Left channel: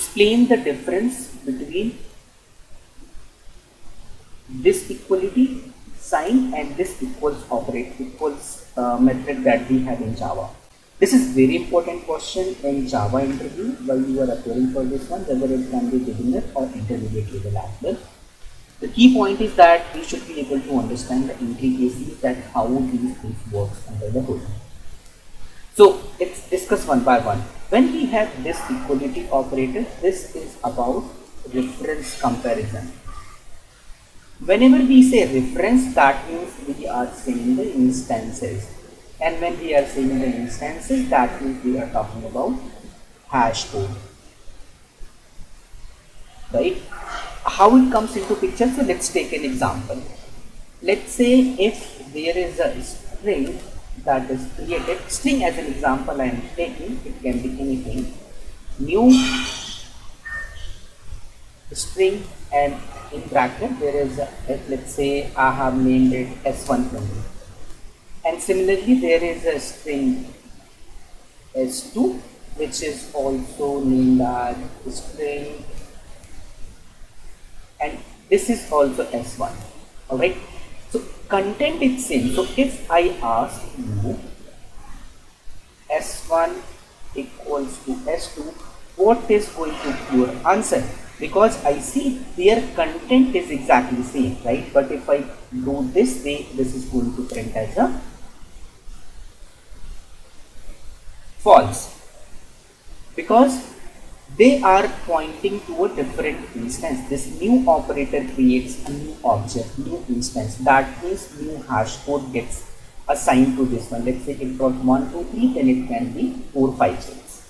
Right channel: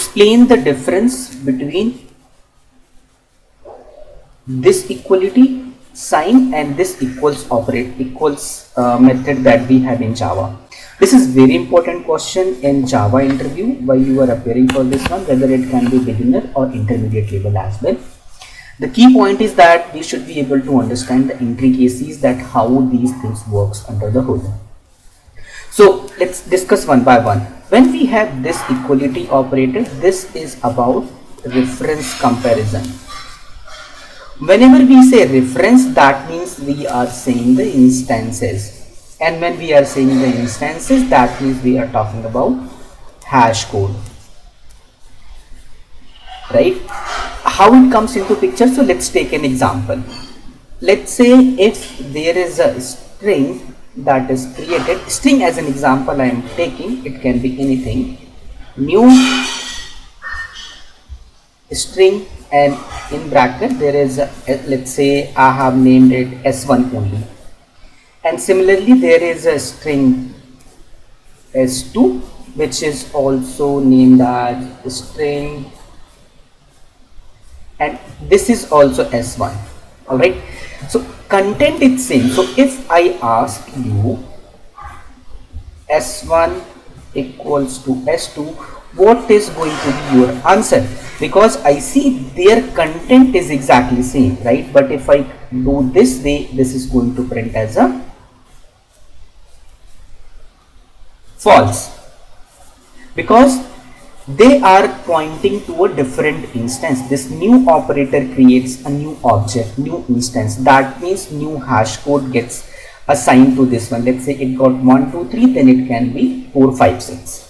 explain the difference between this equality sign and this equals method that we had in Java. This is very important question in Java interview while you are appearing for this one, whether it can be beginner or intermediate level as well. The key point is that we should be able to understand the intricacies that how these things works under the hood. So let's discuss one by one. When we have this equality operator, this is about reference comparison. Whenever we say reference, that means we are saying the instances. And when we are saying the instances, that means we are talking about hash code. Right? How it comes into picture? So let's take an example. Let's say if there is a string that is created, string as an example I am taking, it can be anything, new string, and in bracket there is a, let's say I have named it S1 only, and similarly there is a string S2 which is also named as string, and this is also S1. Alright, so content is same. So if I ask you S1 equals to S2, what is going to be your answer? Because I see their content is exactly same, right? But if I do this way, this is going to print as a false, because they are pointing to a different instance. This new operator creates a new object, new instance. That means new hash code gets assigned to this one. Let's say it got 1 2 3, then it can be 4 5 6.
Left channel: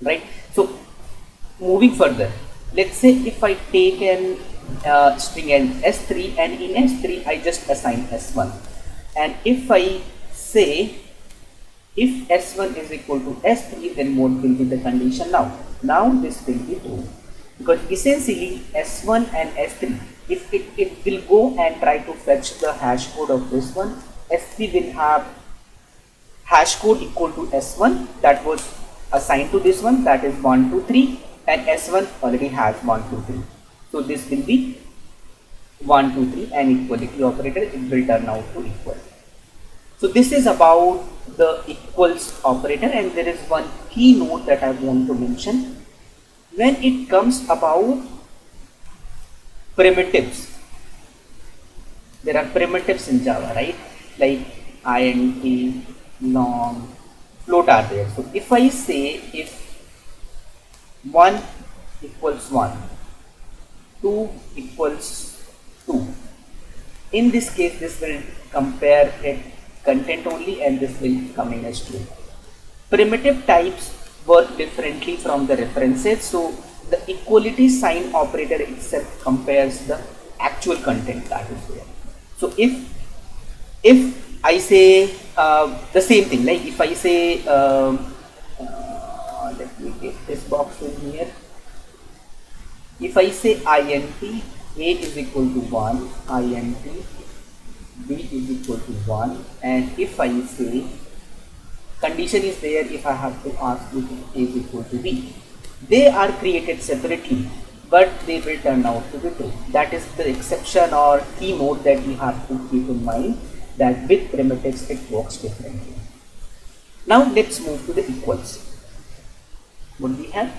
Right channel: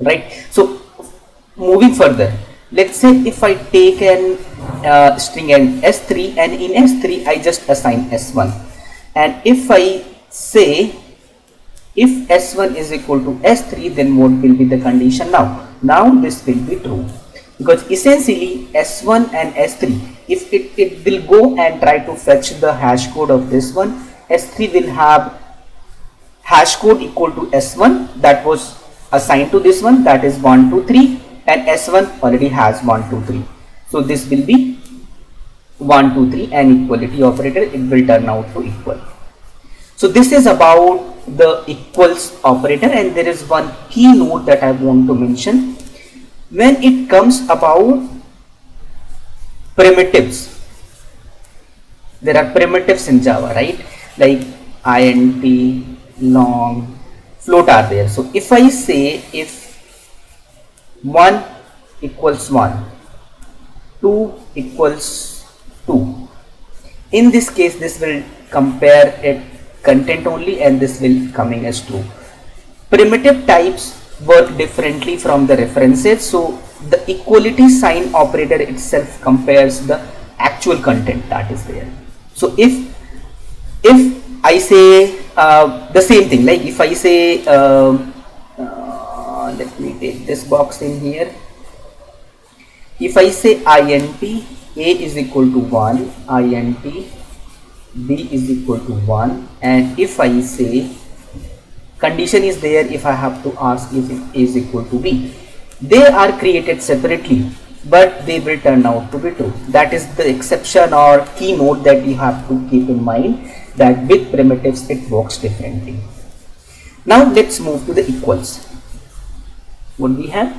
Right? So moving further, let's say if I take an string and S3, and in S3 I just assign S1, and if I say if S1 is equal to S3, then what will be the condition now? Now this will be true, because essentially S1 and S3, if it will go and try to fetch the hash code of this one, S3 will have hash code equal to S1 that was assigned to this one, that is 1 2 3, and S1 already has 1 2 3. So this will be 1 2 3, and equality operator, it will turn out to equal. So this is about the equals operator, and there is one key note that I want to mention. When it comes about primitives, there are primitives in Java, right? Like int, long, float are there. So if I say if 1 equals 1, 2 equals 2, in this case this will compare it content only, and this will coming as true. Primitive types work differently from the references, so the equality sign operator itself compares the actual content that is there. So if I say the same thing, like if I say let me take this box in here, if I say int a is equal to 1, int b is equal to 1, and if I say condition is there, if I have to ask if it is equal to b, they are created separately but they will turn out to be true. That is the exception or keynote that you have to keep in mind, that with primitives it works differently. Now let's move to the equals. What we have?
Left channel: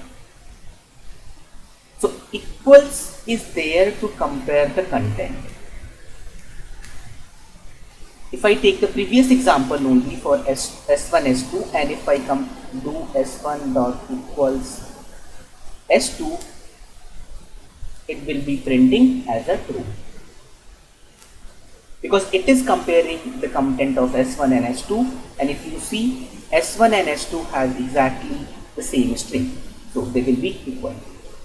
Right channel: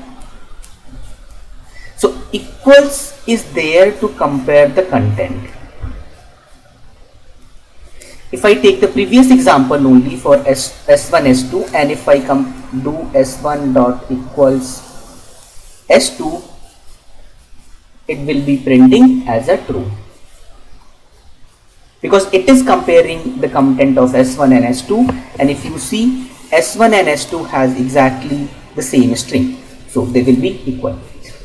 So equals is there to compare the content. If I take the previous example only for S1, S2, and if I do S1 dot equals S2, it will be printing as a true, because it is comparing the content of S1 and S2, and if you see S1 and S2 has exactly the same string, so they will be equal.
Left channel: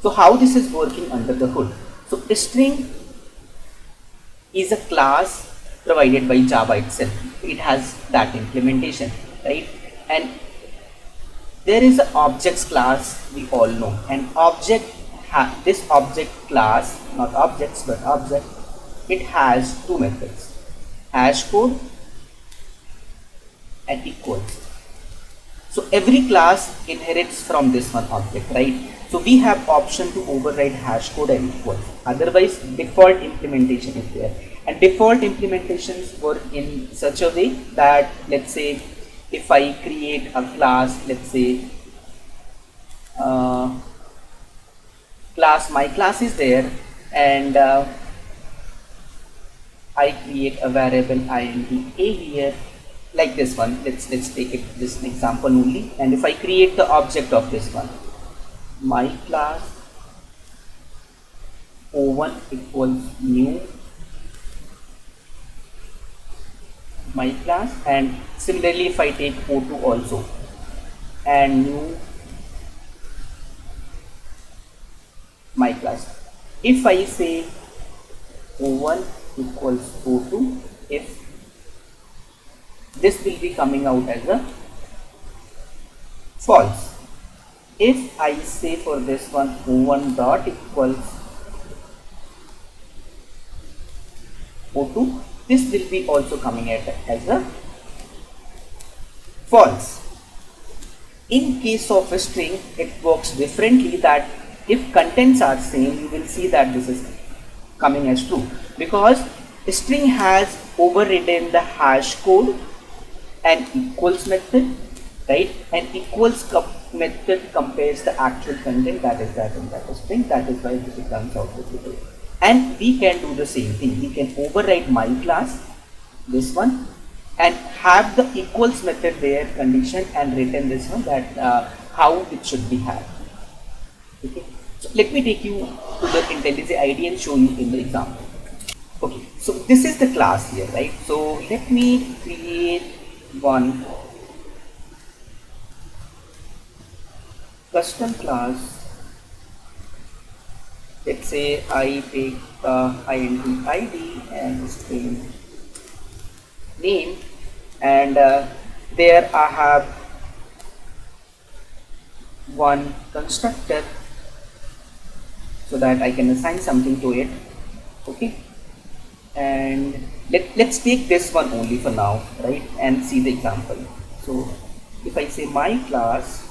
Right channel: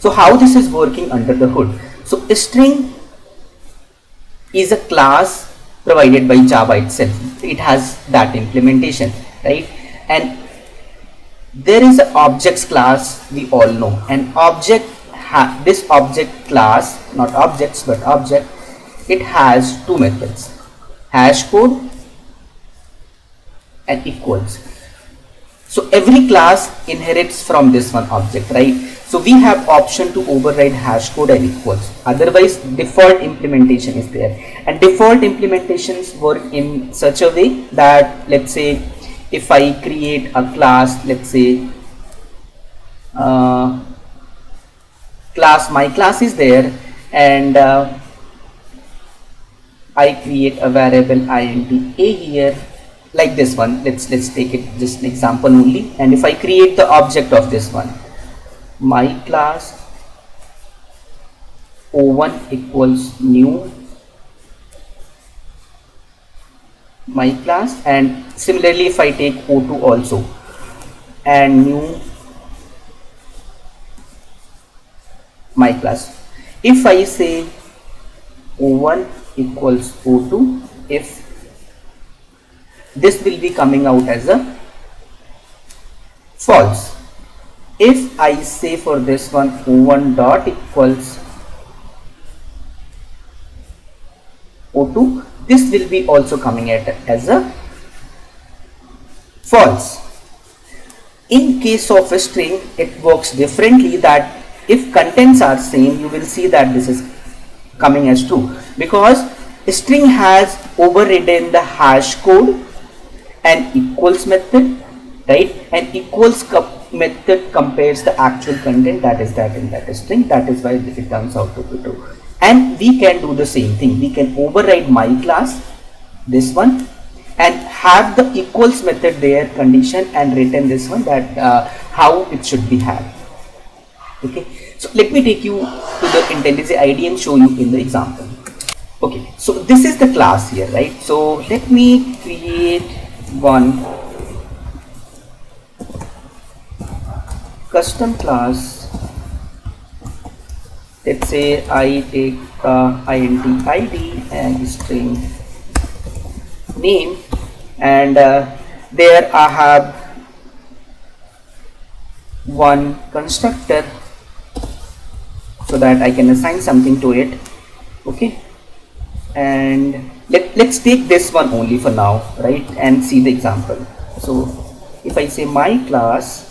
So how this is working under the hood? So a string is a class provided by Java itself. It has that implementation, right? And there is an objects class, we all know, and object this object class, not objects but object, it has two methods, hashCode and equals. So every class inherits from this one object, right? So we have option to override hashCode and equals. Otherwise, default implementation is there. And default implementations work in such a way that, let's say, if I create a class, let's say, my class is there, and I create a variable int a here, like this one. Let's take it just an example only. And if I create the object of this one, my class o1 equals new my class, and similarly if I take o2 also, and new my class. If I say o1 equals o2, if this will be coming out as a false. If I say for this one o1 dot equals o2, this will be also coming at as a false. In case of a string, it works differently, that if contents are same, you will see that this is coming as true, because string has overridden the hash code and equals method, right? And equals method compares the actual content that is that in that string. That is why it comes out to be true. And we can do the same thing. We can override my class, this one, and have the equals method there condition, and return this one, that how it should be had. Okay, so let me take you to the IntelliJ ID and show you in the example. Okay, so this is the class here, right? So let me create one custom class. Let's say I take int id and string name, and there I have one constructor so that I can assign something to it. Okay, and let's take this one only for now, right, and see the example. So if I say my class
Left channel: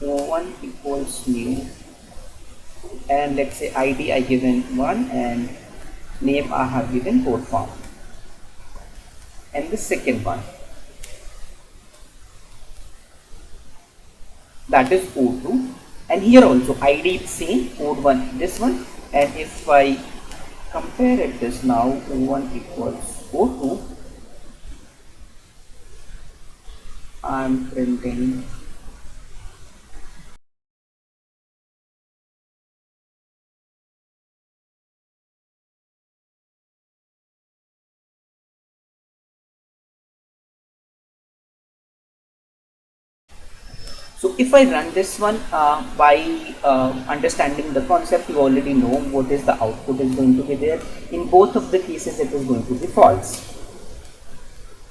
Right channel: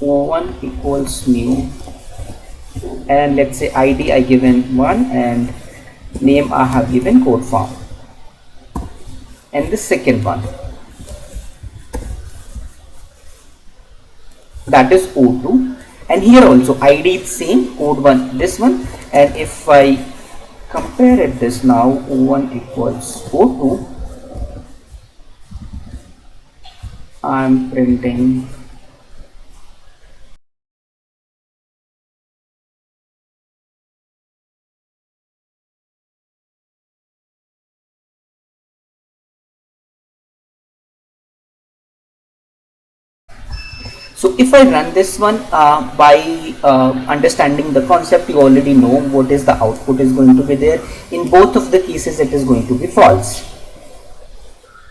o1 equals new, and let's say id I given 1 and name I have given Codefarm, and the second one, that is o2, and here also id is same, code1 this one, and if I compare it this now, o1 equals o2, I'm printing So if I run this one, by understanding the concept, you already know what is the output is going to be there. In both of the cases, it is going to be false.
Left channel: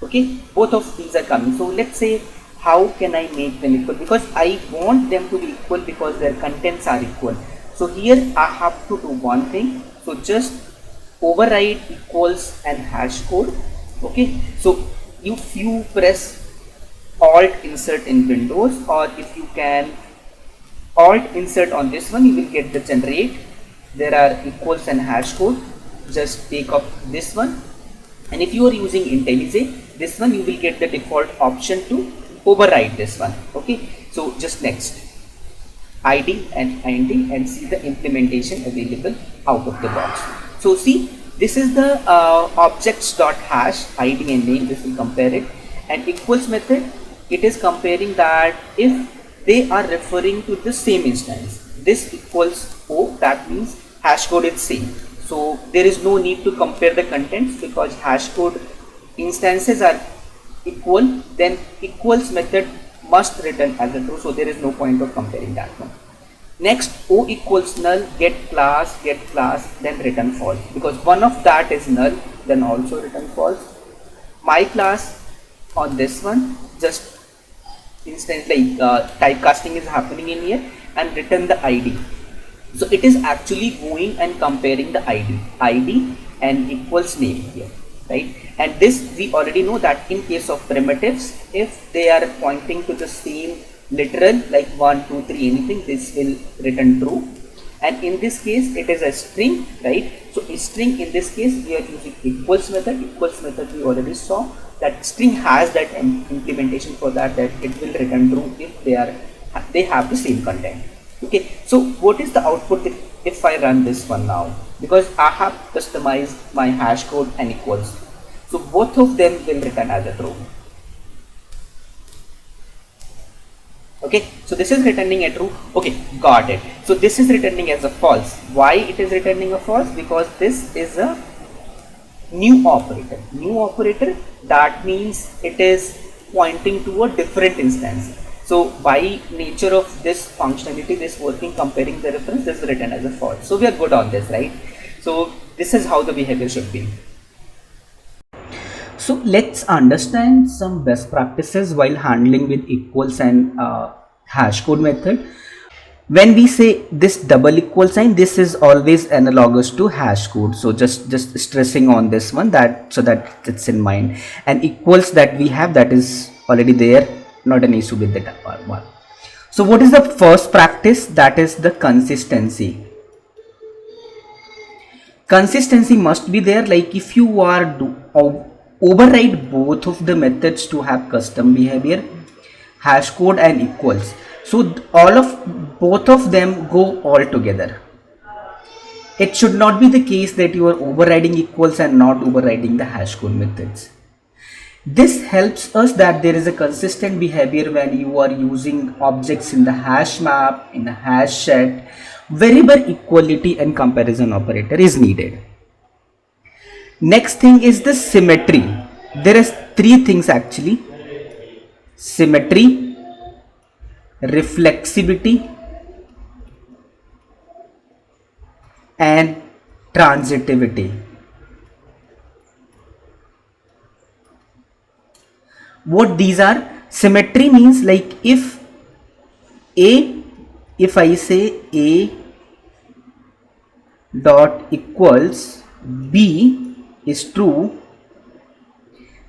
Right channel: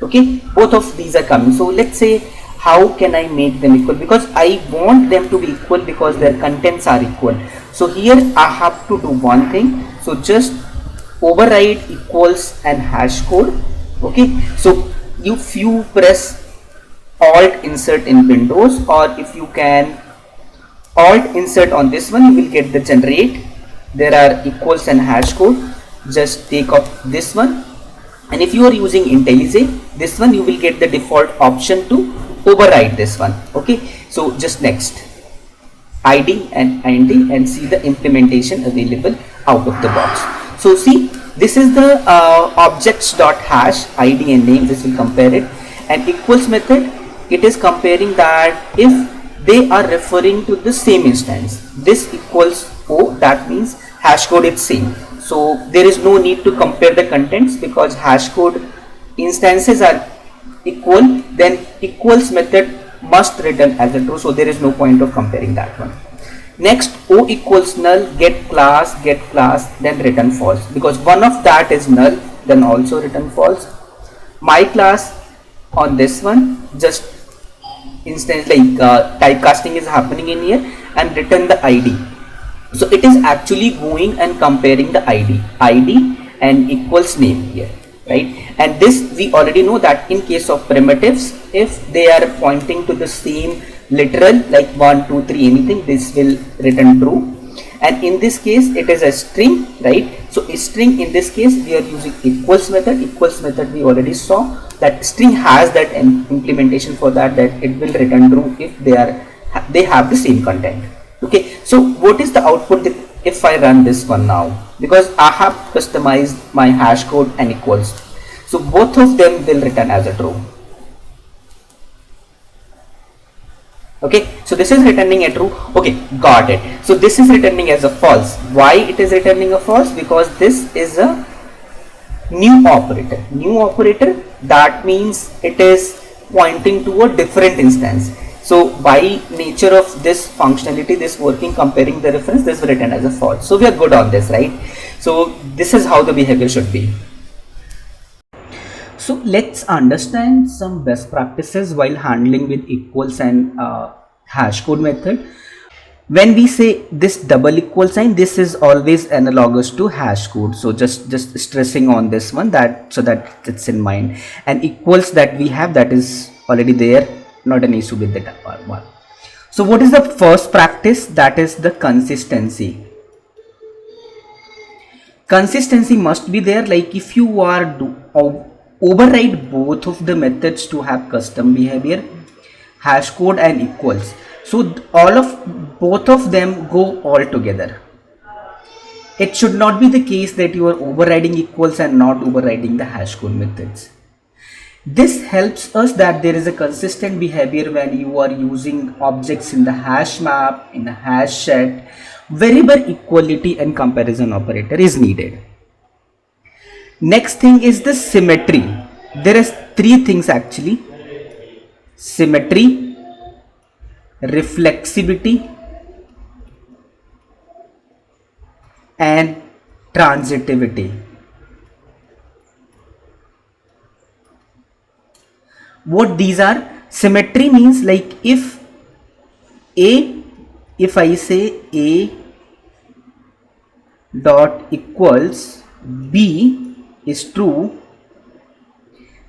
Okay, both of these are coming. So let's say, how can I make them equal? Because I want them to be equal because their contents are equal. So here I have to do one thing. So just override equals and hash code. Okay, so if you press Alt insert in Windows, or if you can Alt insert on this one, you will get the generate. There are equals and hash code. Just take off this one, and if you are using IntelliJ, this one you will get the default option to override this one. Okay, so just next id and int and see the implementation available out of the box. So see, this is the objects.hash id and name. This will compare it, and equals method, it is comparing that if they are referring to the same instance. This equals O, that means hash code is same. So there is no need to compare the contents because hash code instances are equal, then equals method must return as a true, so there is no point of comparing that one. Next, O equals null, get class, then return false, because one of that is null, then also return false. My class on this one, just instance like typecasting is happening in here, and return the id. So it is actually going and comparing the id and equals name here. right? And this we already know that in case of primitives, if they are pointing to the same literal like 1 2 3 anything, this will return true. And in this case it is a string, right? So a string, in this case we are using equals method. Equals method we already saw that string has that implementation for that it will return true if they have the same content. Okay, so what is the output that if I run this one now, because I have customized my hash code and equals, so both of them will return as a true. Okay, so this is returning a true. Okay, got it. So this is returning as a false. Why it is returning a false? Because this is a new operator. New operator, that means it is pointing to a different instance. So by nature of this functionality, this working comparing the reference, this is written as a false. So we are good on this, right? So this is how the behavior should be. So let's understand some best practices while handling with equals and hash code method. When we say this double equal sign, this is always analogous to hash code. So just stressing on this one, that so that it's in mind. And equals that we have, that is already there, not an issue with that one. So what is the first practice? That is the consistency. Consistency must be there. Like if you are override both of the methods to have custom behavior, hash code and equals, so both of them go all together. It should not be the case that you are overriding equals and not overriding the hash code methods. This helps us that there is a consistent behavior when you are using objects in the hash map, in the hash set, wherever equality and comparison operator is needed. Next thing is the symmetry. There is three things actually: symmetry, reflexivity and transitivity. What these are? Symmetry means like if I say A dot equals B is true,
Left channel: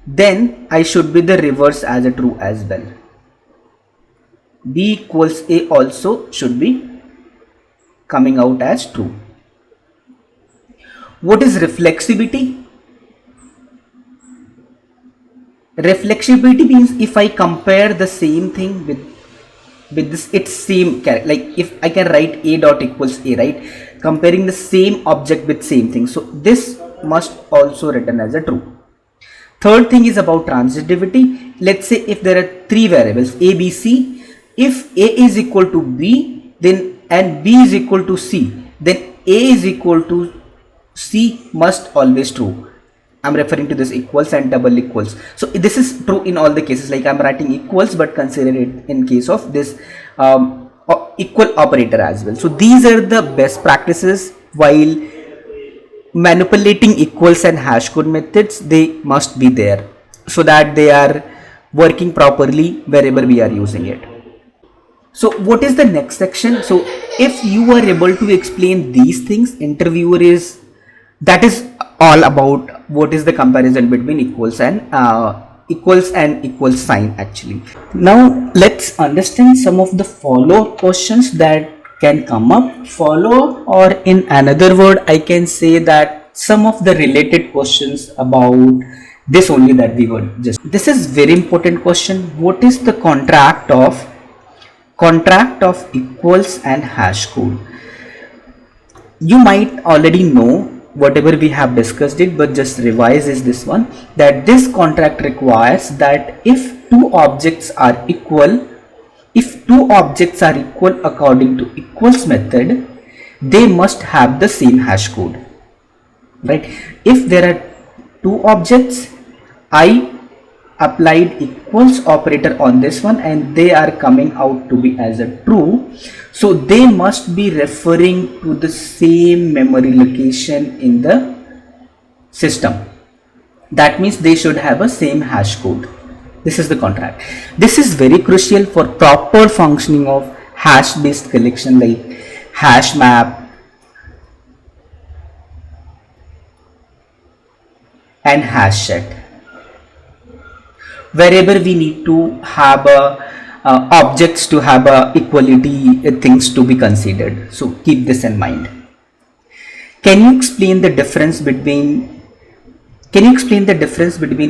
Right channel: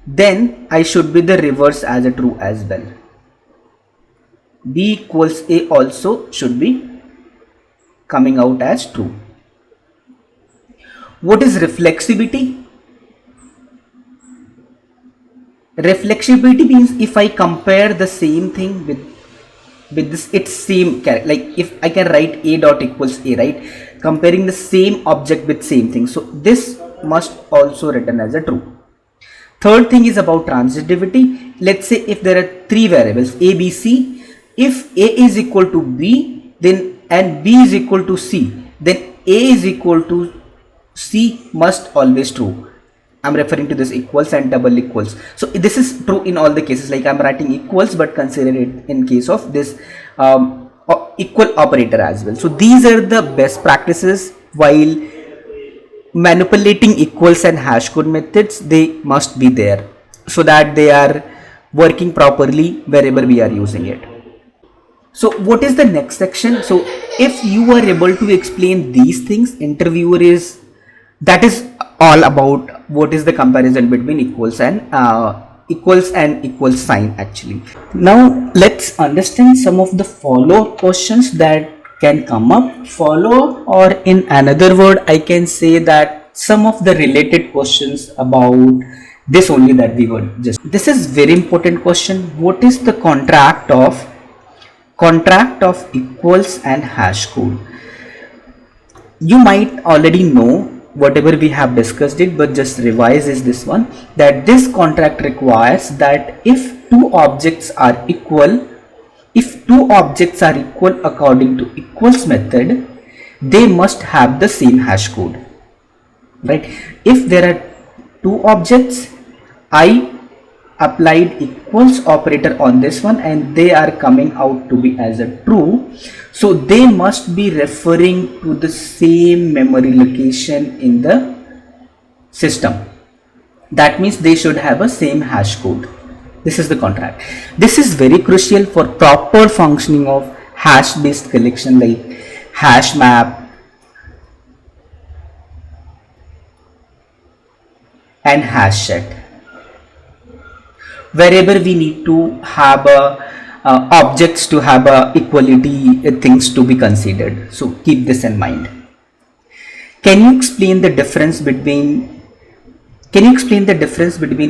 then I should be the reverse as a true as well. B equals A also should be coming out as true. What is reflexivity? Reflexivity means if I compare the same thing with this, its same character, like if I can write A dot equals A, right, comparing the same object with same thing, so this must also written as a true. Third thing is about transitivity. Let's say if there are three variables A, B, C, if A is equal to B, then and B is equal to C, then A is equal to C must always true. I'm referring to this equals and double equals. So this is true in all the cases. Like I'm writing equals, but consider it in case of this equal operator as well. So these are the best practices while manipulating equals and hash code methods. They must be there so that they are working properly wherever we are using it. So what is the next section? So if you are able to explain these things, interviewer is, that is all about what is the comparison between equals and equal sign actually. Now let's understand some of the follow-up questions that can come up. Follow, or in another word I can say that some of the related questions about this only that we were just. This is very important question. What is the contract of equals and hash code? You might already know whatever we have discussed it, but just revise is this one, that this contract requires that if two objects are equal according to equals method, they must have the same hash code, right? If there are two objects, I applied equals operator on this one and they are coming out to be as a true, so they must be referring to the same memory location in the system. That means they should have a same hash code. This is the contract. This is very crucial for proper functioning of hash based collection like hash map, and hash set. Wherever we need to have a objects to have a equality things to be considered. So keep this in mind. Can you explain the difference between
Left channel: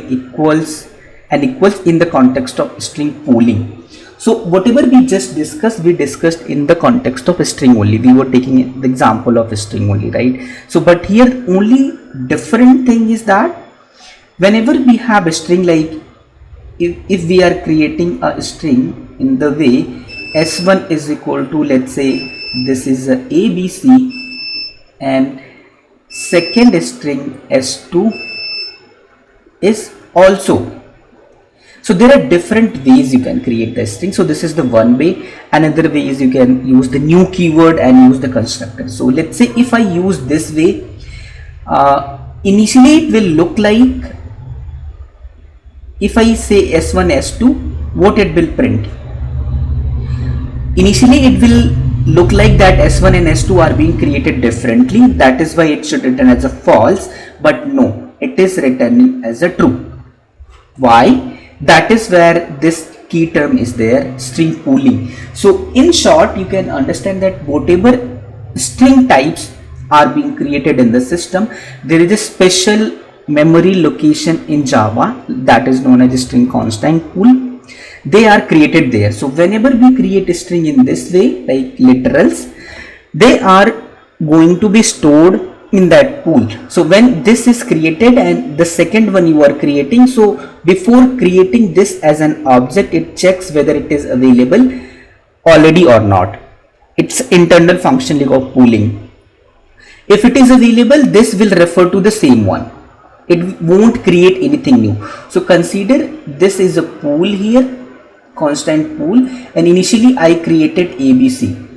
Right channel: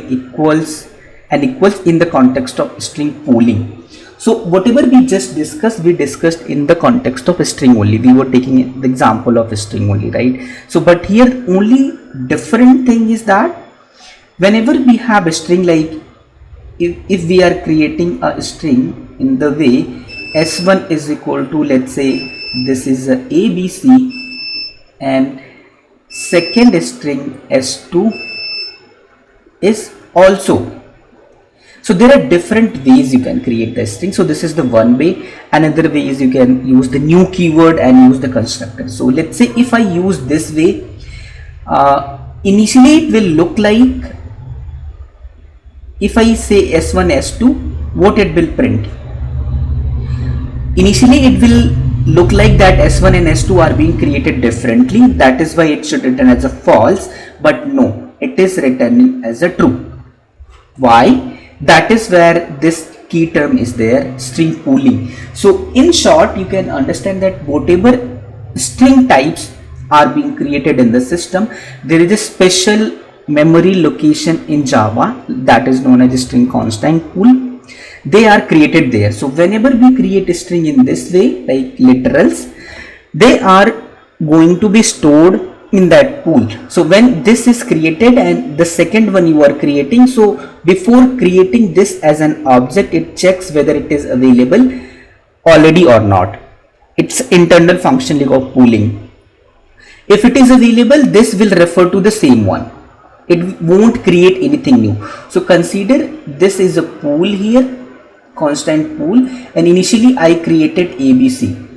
equals and equals in the context of string pooling? So whatever we just discussed, we discussed in the context of a string only. We were taking the example of a string only, right? So but here only different thing is that whenever we have a string, like if we are creating a string in the way s1 is equal to, let's say this is a abc, and second string s2 is also. So there are different ways you can create the string. So this is the one way. Another way is you can use the new keyword and use the constructor. So let's say if I use this way, initially it will look like, if I say s1 s2, what it will print? Initially it will look like that s1 and s2 are being created differently. That is why it should return as a false, but no, it is returning as a true. Why? That is where this key term is there, string pooling. So in short, you can understand that whatever string types are being created in the system, there is a special memory location in Java that is known as a string constant pool. They are created there. So whenever we create a string in this way, like literals, they are going to be stored in that pool. So when this is created and the second one you are creating, so before creating this as an object, it checks whether it is available already or not. It's internal function of pooling. If it is available, this will refer to the same one. It won't create anything new. So consider this is a pool here, constant pool, and initially I created ABC.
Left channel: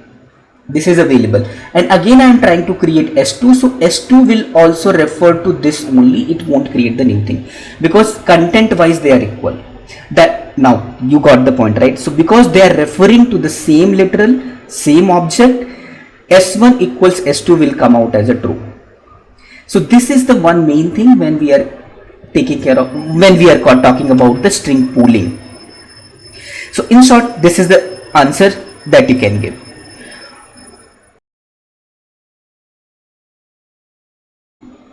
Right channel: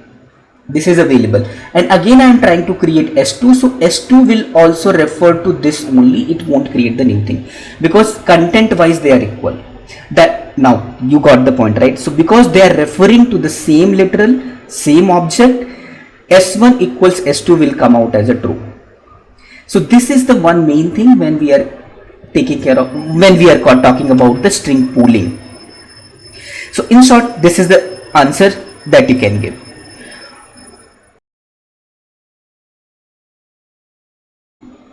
This is available, and again I am trying to create S2. So S2 will also refer to this only. It won't create the new thing because content wise they are equal. That now you got the point, right? So because they are referring to the same literal, same object, S1 equals S2 will come out as a true. So this is the one main thing when we are taking care of, when we are talking about the string pooling. So in short, this is the answer that you can give.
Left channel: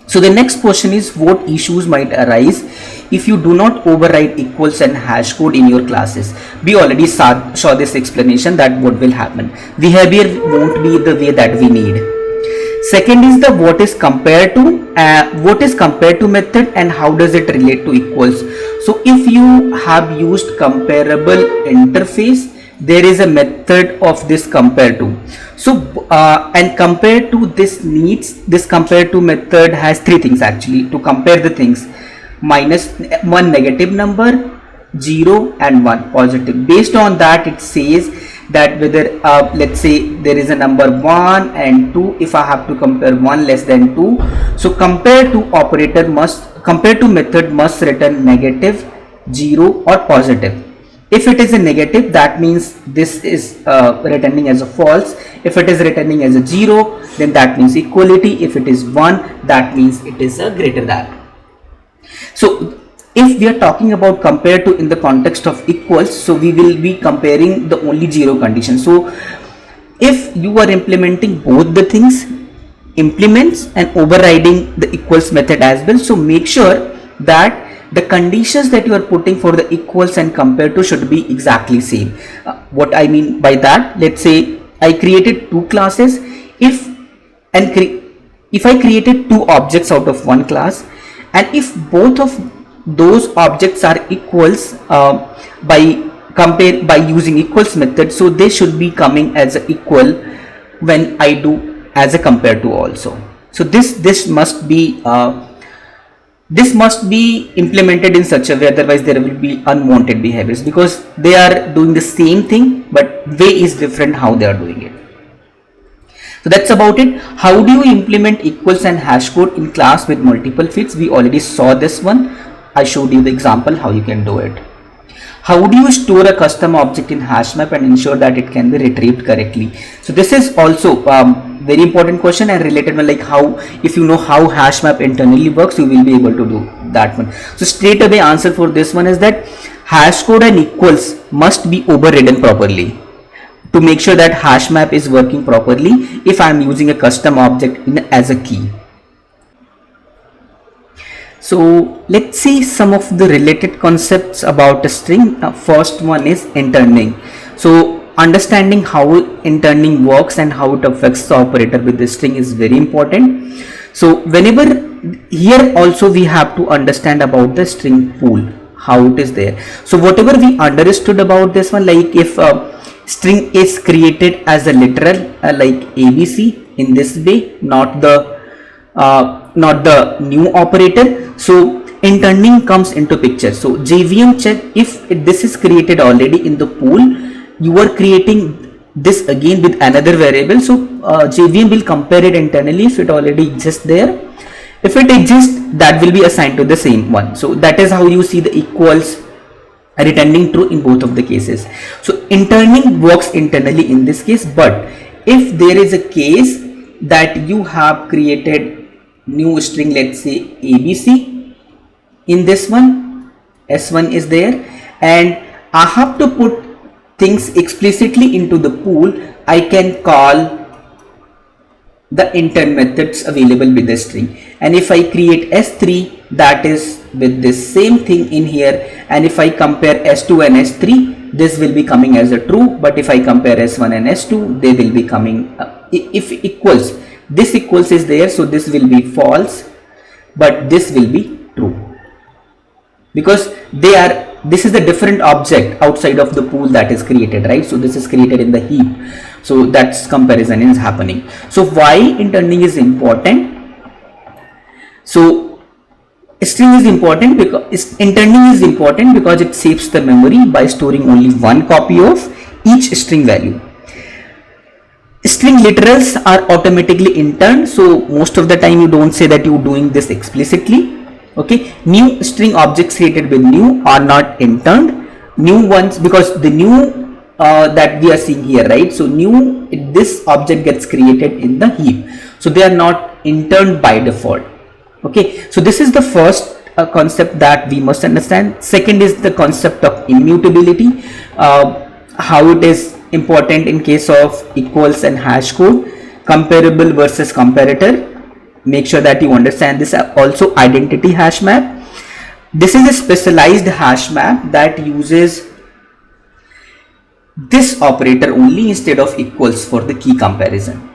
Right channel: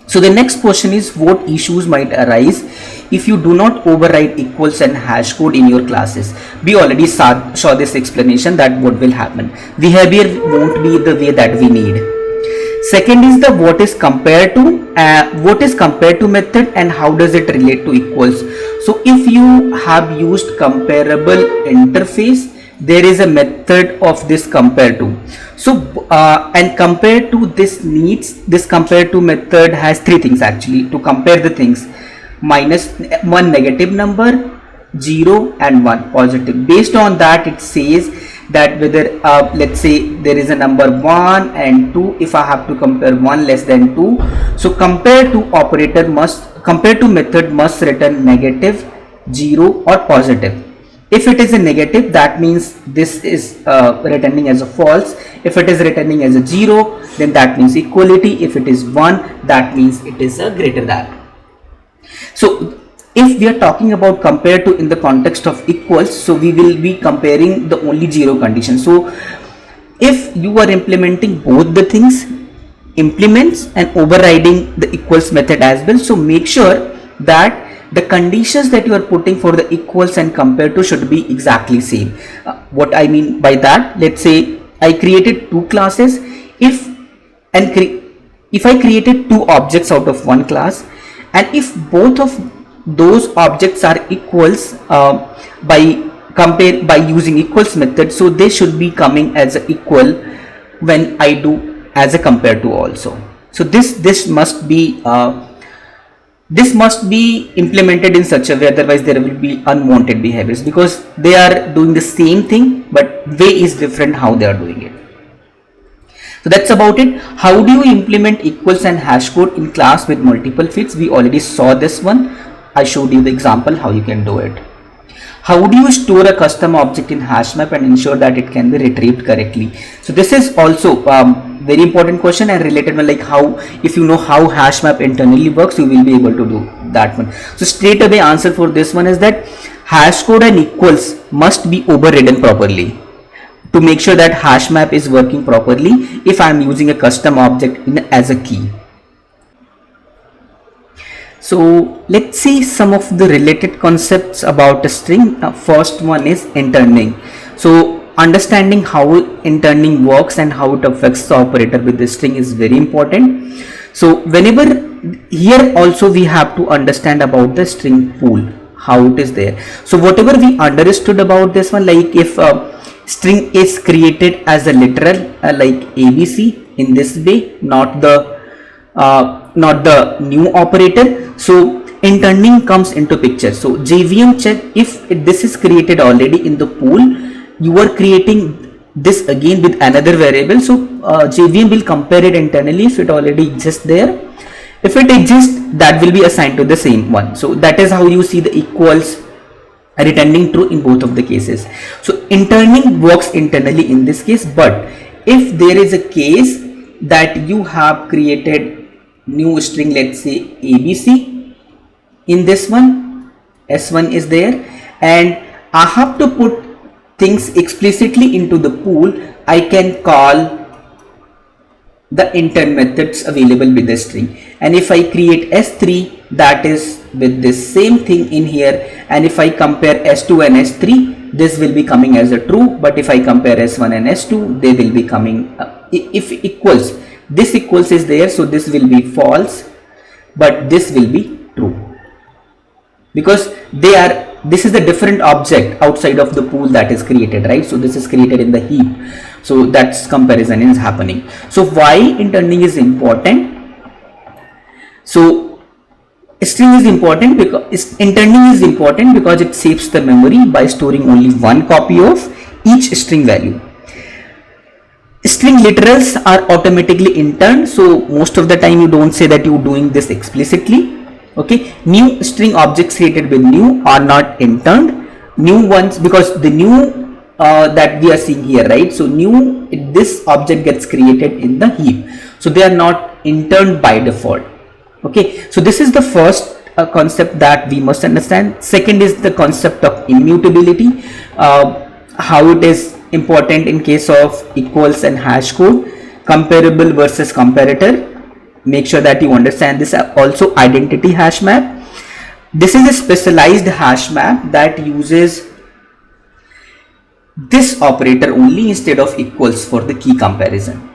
So the next question is, what issues might arise if you do not override equals and hash code in your classes? We already saw this explanation that what will happen. Behavior won't be the way that we need. Second is the what is compared to method and how does it relate to equals. So if you have used comparable interface, there is a method of this compare to. So and compare to this needs, this compare to method has three things actually to compare the things: minus one negative number, 0 and 1 positive. Based on that, it says that whether let's say there is a number 1 and 2, if I have to compare 1 less than 2, so compare to method must return negative, 0 or positive. If it is a negative, that means this is returning as a false. If it is returning as a 0, then that means equality. If it is 1, that means it is a greater than. So if we are talking about compare to in the context of equals, so we will be comparing the only 0 condition. So if you are implementing both the things, implements and overriding the equals method as well, so make sure that the conditions that you are putting for the equals and compare to should be exactly same. What I mean by that, let's say I created two classes. If I created two objects out of one class, and if both of those objects are equals by using equals method, so they should be coming as a equal when I do as a compare to also. So this must be implemented in such a way, otherwise there will be unwanted behaviors, because they are doing the same thing but way is different how they are doing it. So that's about it. How do you implement equals and hash code in class with multiple fits? We already saw this one. I showed you the example how you can do it. How do you store a custom object in hash map and ensure that it can be retrieved correctly? So this is also very important question and related one, like how, if you know how hash map internally works, you will be able to do that one. So straight away answer for this one is that hash code and equals must be overridden properly to make sure that hash map is working properly if I am using a custom object as a key. So let's see some of the related concepts about a string. First one is interning. So understanding how interning works and how it affects the operator with the string is very important. So whenever, here also we have to understand about the string pool, how it is there. So whatever we understood about this one, like if string is created as a literal like ABC in this way, not the new operator, so interning comes into picture. So JVM check if this is created already in the pool, you are creating this again with another variable, so JVM will compare it internally if it already exists there. If it exists, that will be assigned to the same one. So that is how you see the equals returning true in both of the cases. So interning works internally in this case, but if there is a case that you have created new string, let's say ABC, in this one S1 is there, and I have to put things explicitly into the pool, I can call the intern methods available with the string. And if I create S3, that is with this same thing in here, and if I compare S2 and S3, this will be coming as a true, but if I compare S1 and S2, they will be coming if equals, this equals is there, so this will be false, but this will be true, because they are, this is the different object outside of the pool that is created, right? So this is created in the heap, so that's comparison is happening. So why interning is important? So string is important because interning is important because it saves the memory by storing only one copy of each string value. String literals are automatically interned, so most of the time you don't say that you're doing this explicitly. Okay, new string objects created with new are not interned. New ones, because the new that we are seeing here, right? So new, this object gets created in the heap, so they are not interned by default. Okay, so this is the first concept that we must understand. Second is the concept of immutability, how it is important in case of equals and hash code, comparable versus comparator. Make sure that you understand this. Also identity hash map, this is a specialized hash map that uses this operator only instead of equals for the key comparison.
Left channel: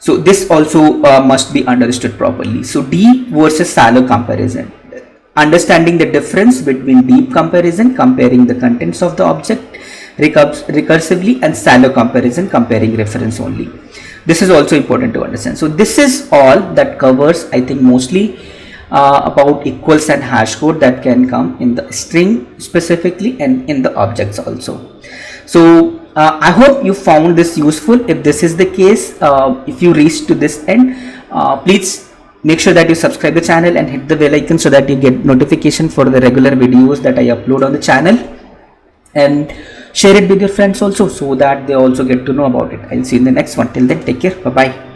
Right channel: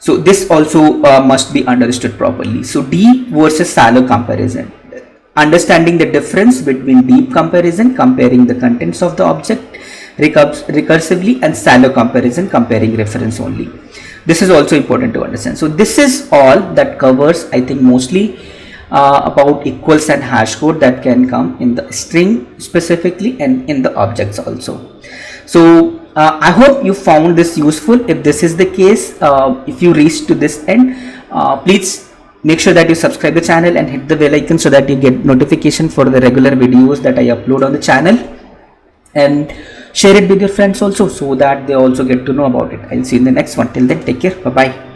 So this also must be understood properly. So deep versus shallow comparison, understanding the difference between deep comparison, comparing the contents of the object recursively, and shallow comparison, comparing reference only. This is also important to understand. So this is all that covers, I think, mostly about equals and hash code that can come in the string specifically and in the objects also. So I hope you found this useful. If this is the case, if you reach to this end, please make sure that you subscribe the channel and hit the bell icon so that you get notification for the regular videos that I upload on the channel, and share it with your friends also so that they also get to know about it. I'll see you in the next one. Till then, take care. Bye bye.